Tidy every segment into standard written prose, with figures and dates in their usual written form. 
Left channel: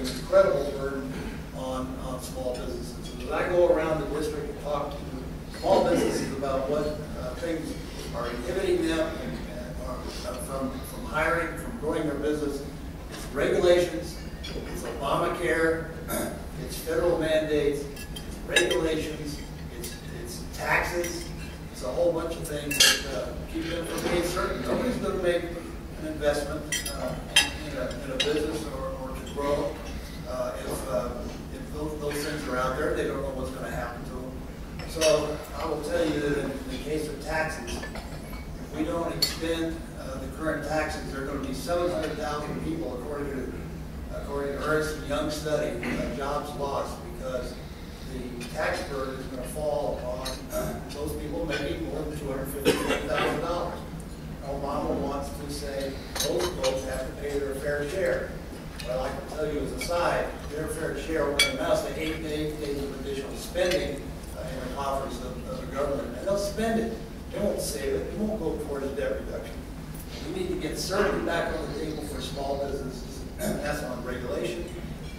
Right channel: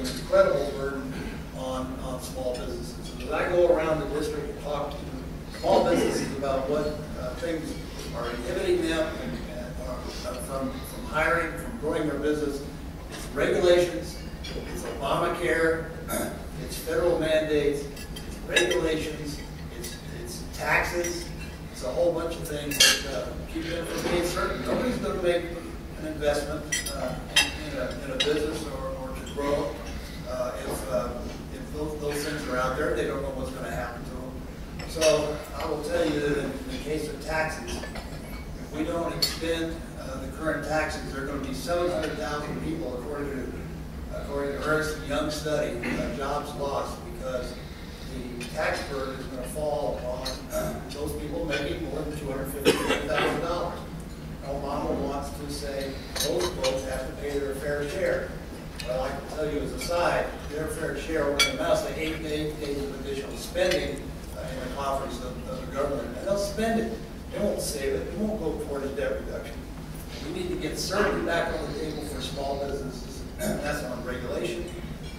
an incredible burden on small businesses. And as I go around the district and talk to small businesses about what things are inhibiting them from hiring, from growing their business, it's regulations, it's Obamacare, it's federal mandates, it's regulations, it's taxes, it's a whole bunch of things that keep them from being certain. Nobody's going to make an investment in a business or to grow if those things are out there. They don't know what's going to happen to them. So I will tell you that in the case of taxes, if we don't extend the current taxes, there are going to be 700,000 people, according to Ernst & Young's study, jobs lost because the tax burden is going to fall on those people making more than $250,000. Obama wants to say those folks have to pay their fair share. Well, I can tell you as a side, their fair share will amounts to 8 days of additional spending in the coffers of the government, and they'll spend it. They won't save it. It won't go towards debt reduction. We need to get certainty back on the table for small businesses. That's on regulation.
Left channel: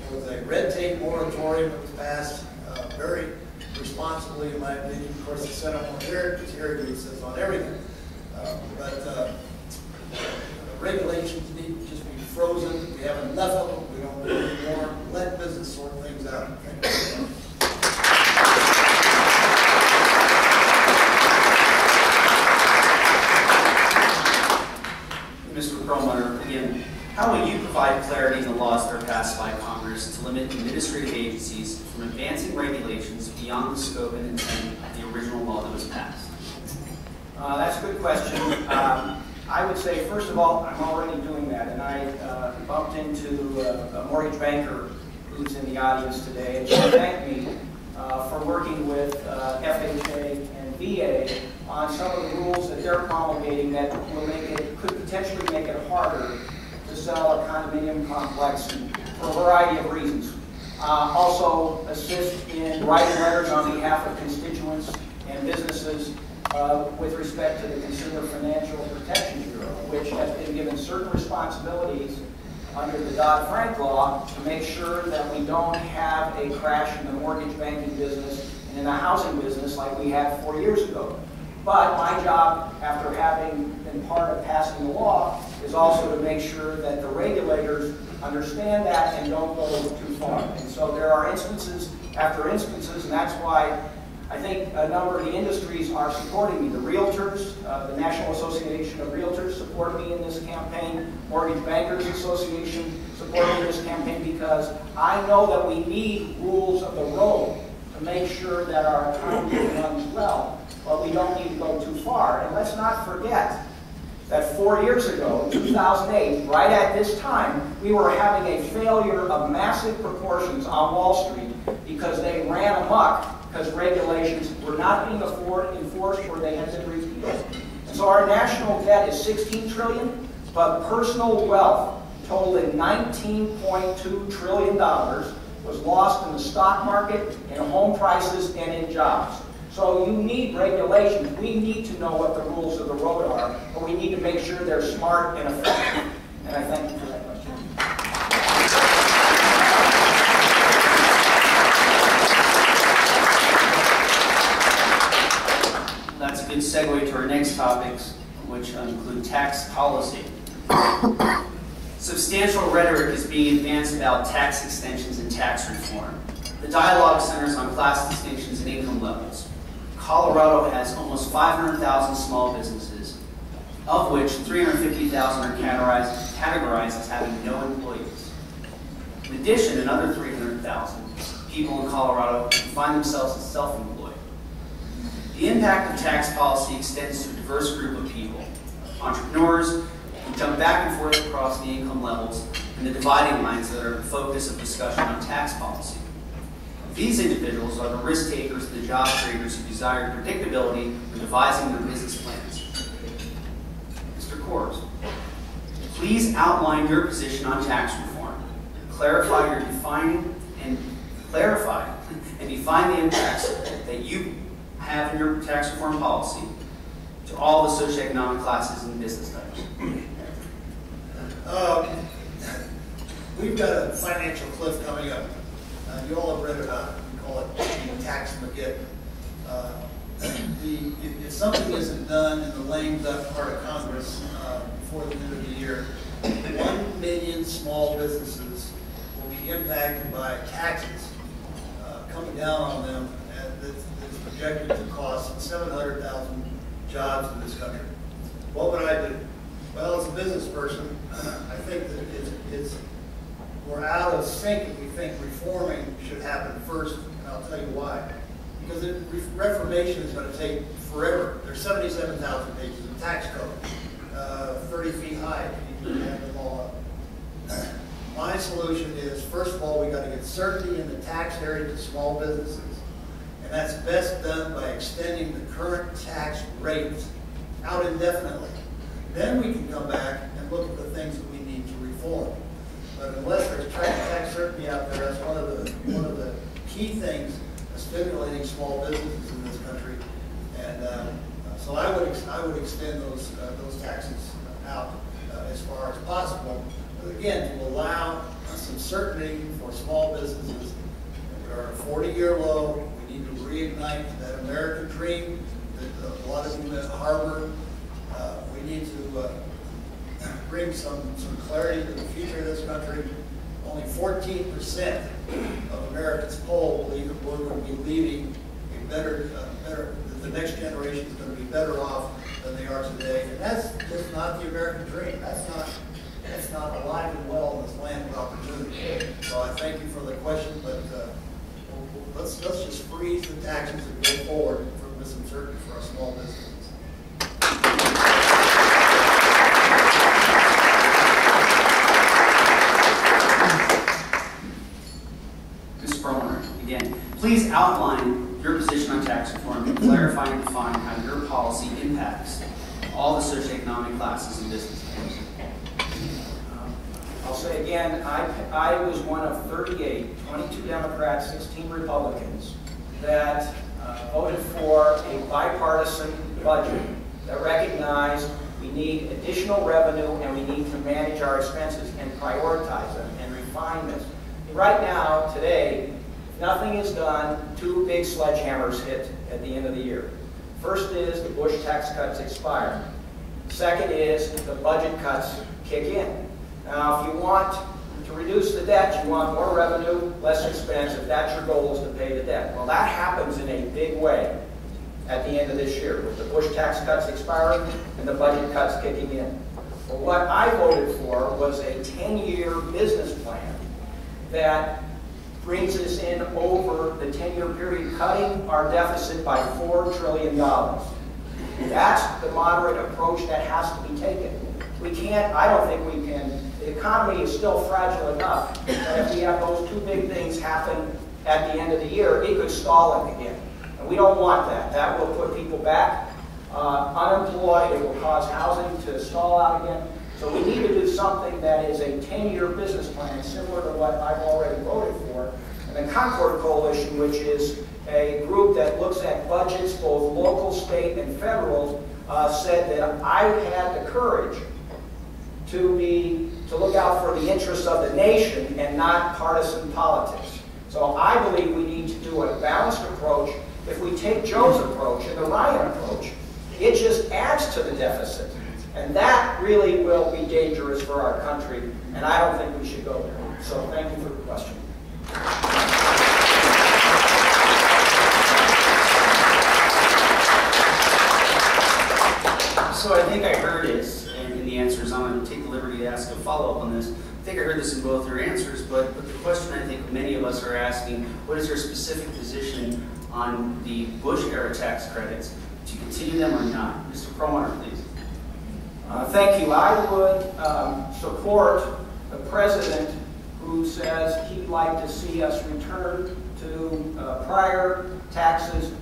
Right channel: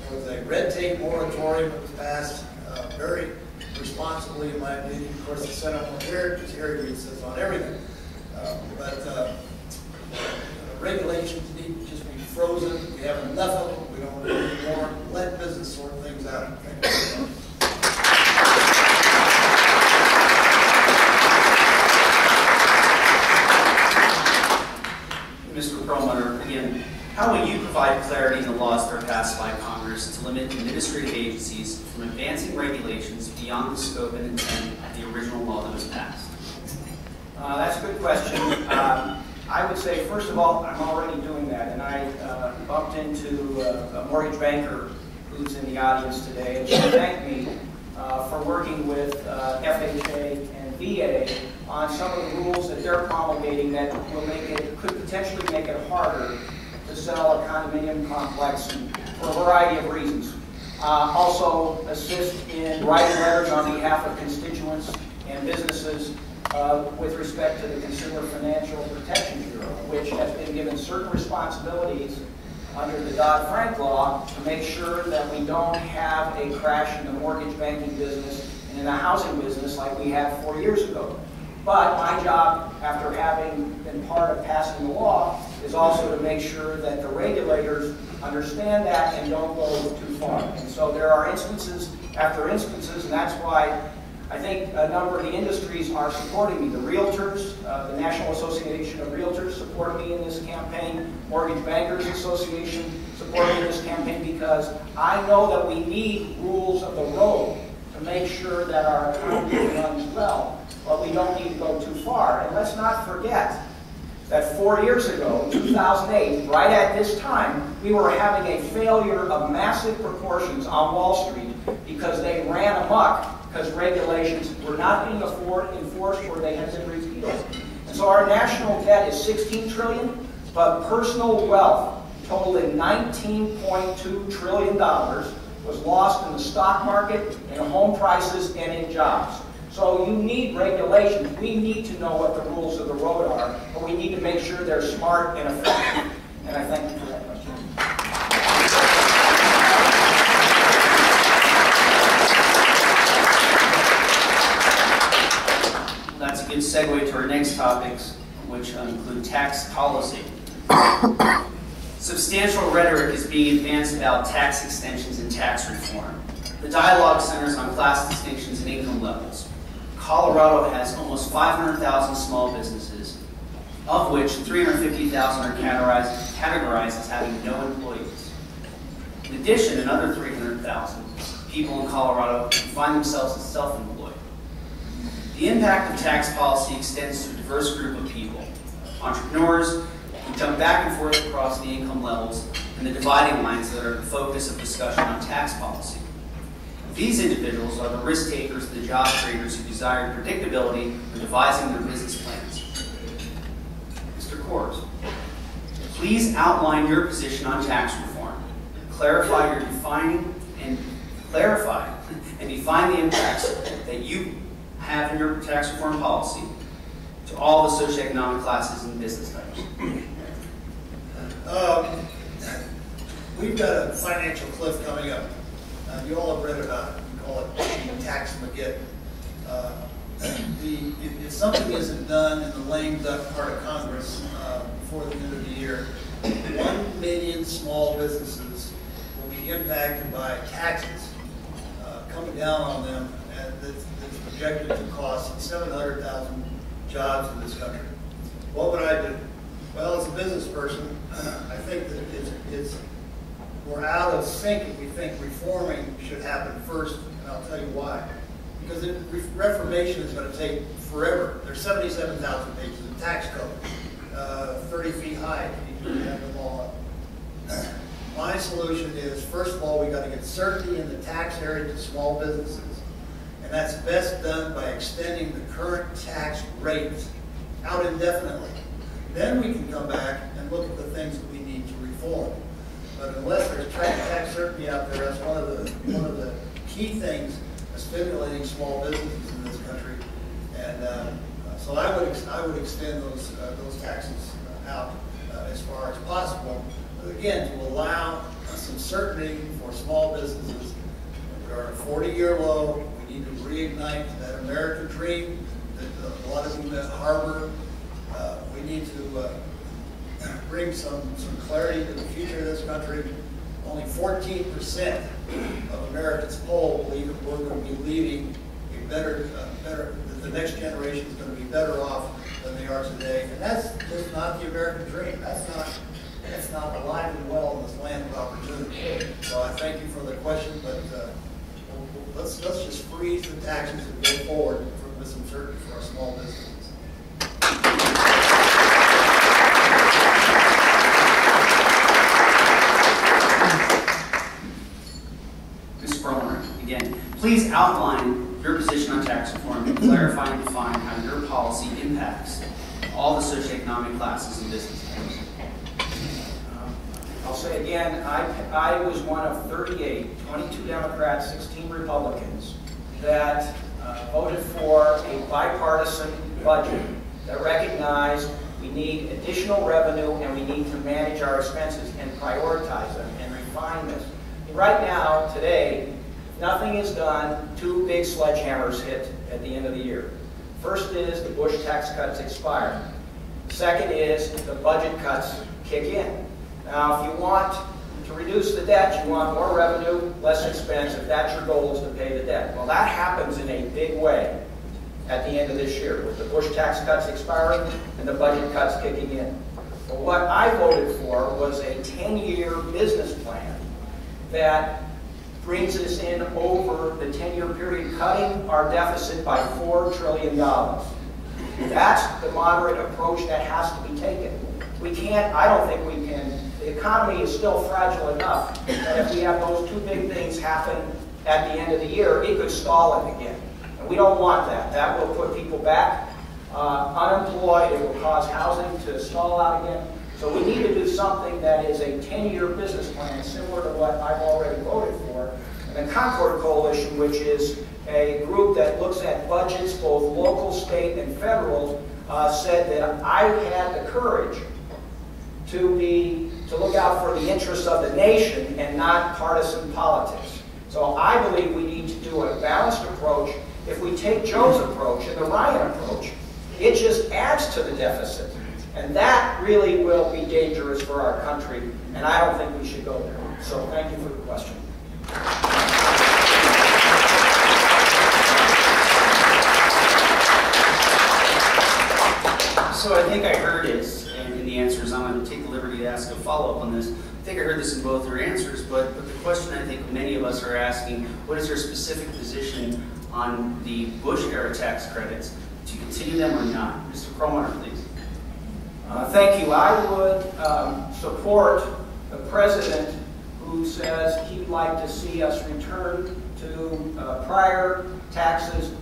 There was a red tape moratorium that was passed very responsibly, in my opinion. Of course, the Senate won't hear it because Harry Reid says on everything. But regulations need to just be frozen. We have enough of them. We don't need more. Let business sort things out. Thank you. Mr. Perlmutter, again, how will you provide clarity in the laws that are passed by Congress to limit administrative agencies from advancing regulations beyond the scope and intent of the original law that was passed? That's a good question. I would say, first of all, I'm already doing that, and I bumped into a mortgage banker who's in the audience today, and she thanked me for working with FHA and VA on some of the rules that they're promulgating that will could potentially make it harder to sell a condominium complex for a variety of reasons. Also assist in writing letters on behalf of constituents and businesses with respect to the Consumer Financial Protection Bureau, which has been given certain responsibilities under the Dodd-Frank law to make sure that we don't have a crash in the mortgage banking business and in the housing business like we had 4 years ago. But my job, after having been part of passing the law, is also to make sure that the regulators understand that and don't go too far. And so there are instances after instances, and that's why I think a number of the industries are supporting me. The realtors, the National Association of Realtors support me in this campaign. Mortgage Bankers Association support me in this campaign because I know that we need rules of the road to make sure that our economy runs well, but we don't need to go too far. And let's not forget that 4 years ago, in 2008, right at this time, we were having a failure of massive proportions on Wall Street because they ran amok because regulations were not being enforced or they had been repealed. And so our national debt is $16 trillion, but personal wealth totaling $19.2 trillion was lost in the stock market, in home prices, and in jobs. So you need regulations. We need to know what the rules of the road are, but we need to make sure they're smart and effective. And I thank you for that question. That's a good segue to our next topics, which include tax policy. Substantial rhetoric is being advanced about tax extensions and tax reform. The dialogue centers on class distinctions and income levels. Colorado has almost 500,000 small businesses, of which 350,000 are categorized as having no employees. In addition, another 300,000 people in Colorado find themselves as self-employed. The impact of tax policy extends to a diverse group of people, entrepreneurs who jump back and forth across the income levels and the dividing lines that are the focus of discussion on tax policy. These individuals are the risk takers and the job creators who desire predictability when devising their business plans. Mr. Coors, please outline your position on tax reform. Clarify and define the impacts that you have in your tax reform policy to all the socioeconomic classes and business types. we've got a financial cliff coming up. You all have read about it. We call it the tax Mageddon. If something isn't done in the lame duck part of Congress before the end of the year, 1 million small businesses will be impacted by taxes coming down on them, and that's projected to cost 700,000 jobs in this country. What would I do? Well, as a business person, I think that we're out of sync if we think reforming should happen first, and I'll tell you why. Because reformation is going to take forever. There's 77,000 pages of tax code, 30 feet high. You can have them all up. My solution is, first of all, we got to get certainty in the tax area to small businesses, and that's best done by extending the current tax rates out indefinitely. Then we can come back and look at the things that we need to reform. But unless there's tax certainty out there, that's one of the key things stimulating small businesses in this country. And so I would extend those taxes out as far as possible. But again, to allow some certainty for small businesses. We are at a 40-year low. We need to reignite that American dream that a lot of you harbor. We need to bring some clarity to the future of this country. Only 14% of Americans polled believe that we're going to be leaving a better, the next generation is going to be better off than they are today. And that's just not the American dream. That's not alive and well in this land of opportunity. So I thank you for the question, but let's just freeze the taxes and go forward with some certainty for our small businesses. Please outline your position on tax reform and clarify and define how your policy impacts all the socioeconomic classes and businesses. I'll say again, I was one of 38, 22 Democrats, 16 Republicans, that voted for a bipartisan budget that recognized we need additional revenue and we need to manage our expenses and prioritize them and refine this. And right now, today, nothing is done, two big sledgehammers hit at the end of the year. First is the Bush tax cuts expire. Second is the budget cuts kick in. Now, if you want to reduce the debt, you want more revenue, less expense. If that's your goal, is to pay the debt. Well, that happens in a big way at the end of this year, with the Bush tax cuts expiring and the budget cuts kicking in. Well, what I voted for was a 10-year business plan that brings us in over the 10-year period, cutting our deficit by $4 trillion. That's the moderate approach that has to be taken. We can't, I don't think we can, the economy is still fragile enough that if we have those two big things happen at the end of the year, it could stall it again. And we don't want that. That will put people back unemployed. It will cause housing to stall out again. So we need to do something that is a 10-year business plan, similar to what I've already voted for. And the Concord Coalition, which is a group that looks at budgets, both local, state, and federal, said that I had the courage to look out for the interests of the nation and not partisan politics. So I believe we need to do a balanced approach. If we take Joe's approach and the Ryan approach, it just adds to the deficit. And that really will be dangerous for our country, and I don't think we should go there. So thank you for the question. So I think I heard it in the answers. I'm going to take the liberty to ask a follow-up on this. I think I heard this in both your answers, but the question I think many of us are asking, what is your specific position on the Bush-era tax credits? Do you continue them or not? Mr. Perlmutter, please. Thank you. I would support the president who says he'd like to see us return to prior taxes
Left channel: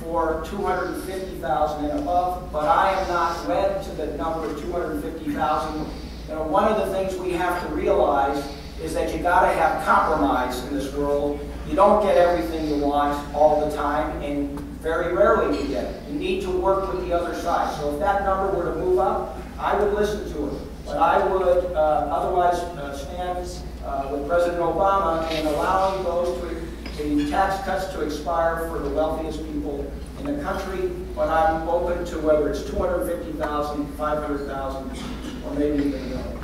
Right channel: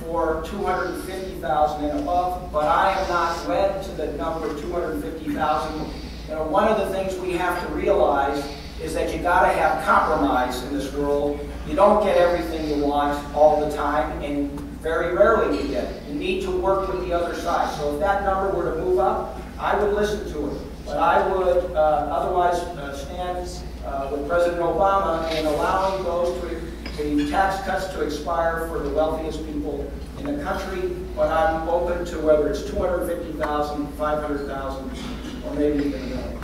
for $250,000 and above, but I am not wed to the number of $250,000. You know, one of the things we have to realize is that you got to have compromise in this world. You don't get everything you want all the time, and very rarely you get it. You need to work with the other side. So if that number were to move up, I would listen to it. But I would otherwise stand with President Obama in allowing the tax cuts to expire for the wealthiest people in the country, but I'm open to whether it's 250,000, 500,000, or maybe even a million.